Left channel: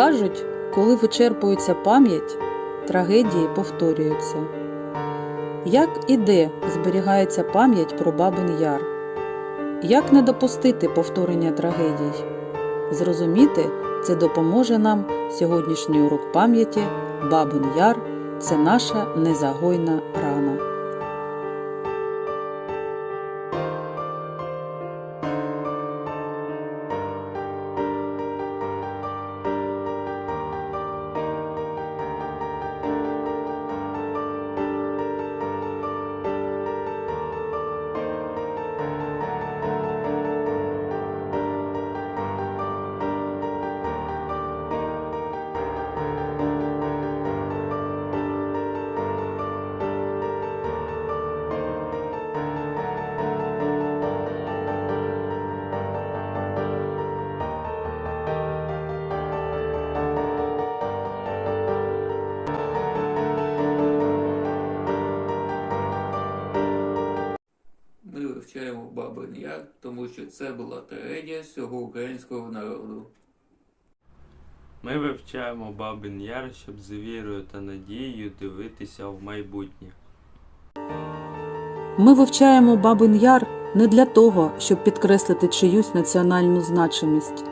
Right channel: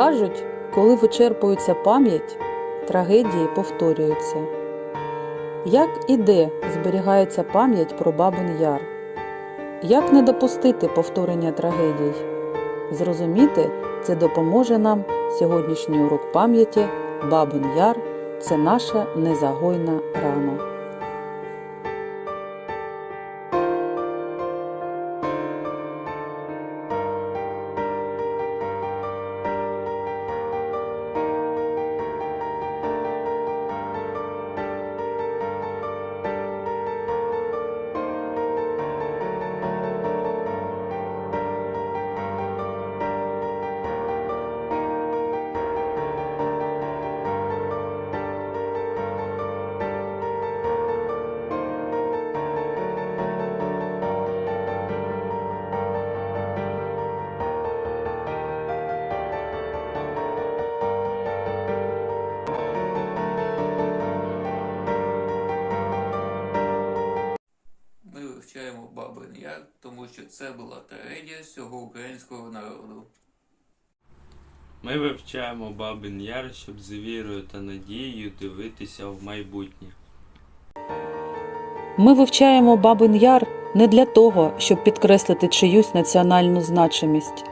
Кажуть, коли вичерпується пам'ять, трагедії повторюються. Як і де зберігається пам'ять про Бабин Яр? Як не допустити повторення трагедій? Зрозуміти це допоможе нам сьогоднішній урок пам'яті Бабин Яр це наша незагойна рана. Бабин Яр, тому що це була трагедія всього українського народу. Ми вивчаємо Бабин Яр, щоб з вірою та надією дивитися в майбутнє. Ми вивчаємо Бабин Яр не для того, щоб підкреслити чиюсь національну значимість,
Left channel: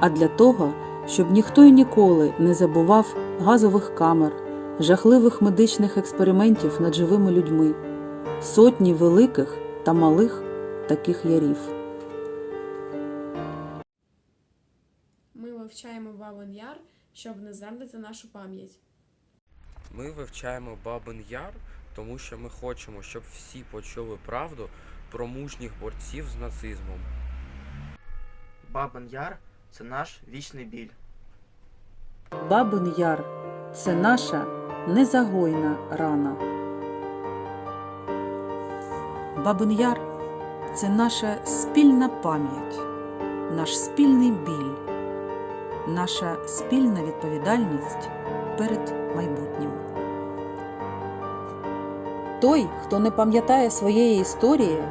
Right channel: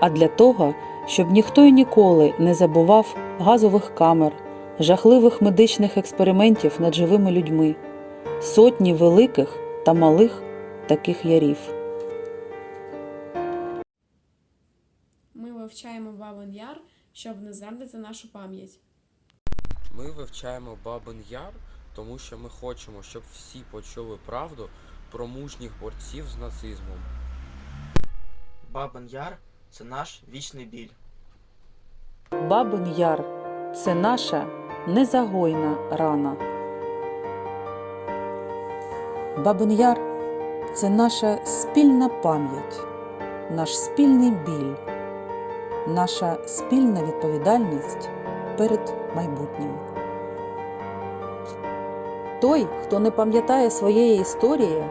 а для того, щоб ніхто і ніколи не забував газових камер, жахливих медичних експериментів над живими людьми, сотні великих та малих таких ярів. Ми вивчаємо Бабин Яр, щоб не зрадити нашу пам'ять. Ми вивчаємо Бабин Яр, тому що ми хочемо, щоб всі почули правду про мужніх борців з нацизмом. Бабин Яр це наш вічний біль. Бабин Яр це наша незагойна рана. Бабин Яр це наша спільна пам'ять, наш спільний біль, наша спільна відповідальність перед майбутнім. Той, хто не пам'ятає своєї історії,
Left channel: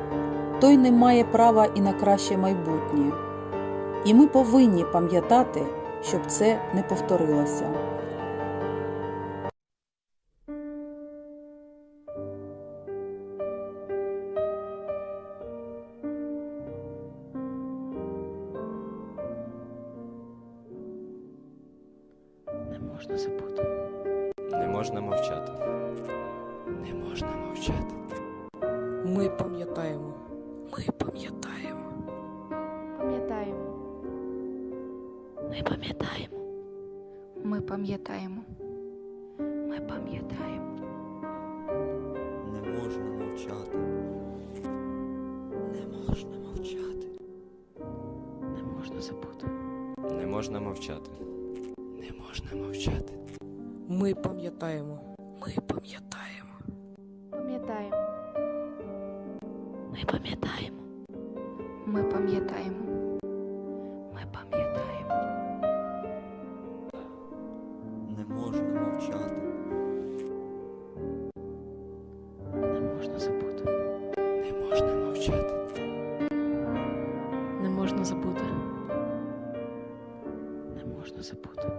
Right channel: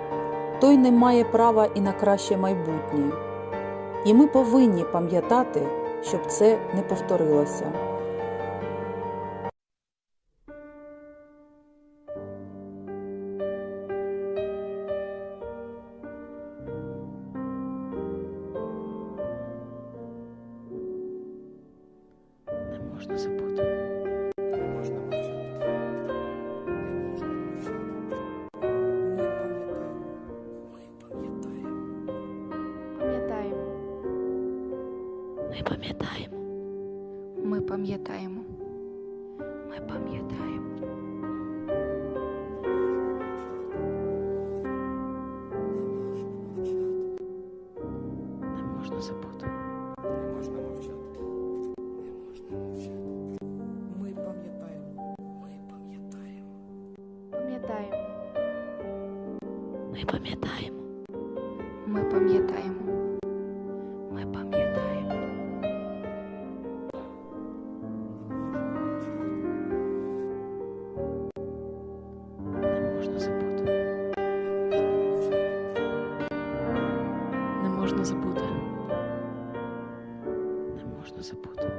той не має права і на краще майбутнє. І ми повинні пам'ятати, щоб це не повторилося. Можна забути. Не можна мовчати. Не можна мовчати. Ми пам'ятаємо. Ми пам'ятаємо. Пам'ятаємо. Ми пам'ятаємо. Ми пам'ятаємо. Ми пам'ятаємо. Не можна мовчати. Не можна мовчати. Не можна забути. Не можна мовчати. Можна мовчати. Ми пам'ятаємо. Ми пам'ятаємо. Пам'ятаємо. Ми пам'ятаємо. Ми пам'ятаємо. Ми пам'ятаємо. Не можна мовчати. Не можна забути. Не можна мовчати. Не можна забути. Не можна забути.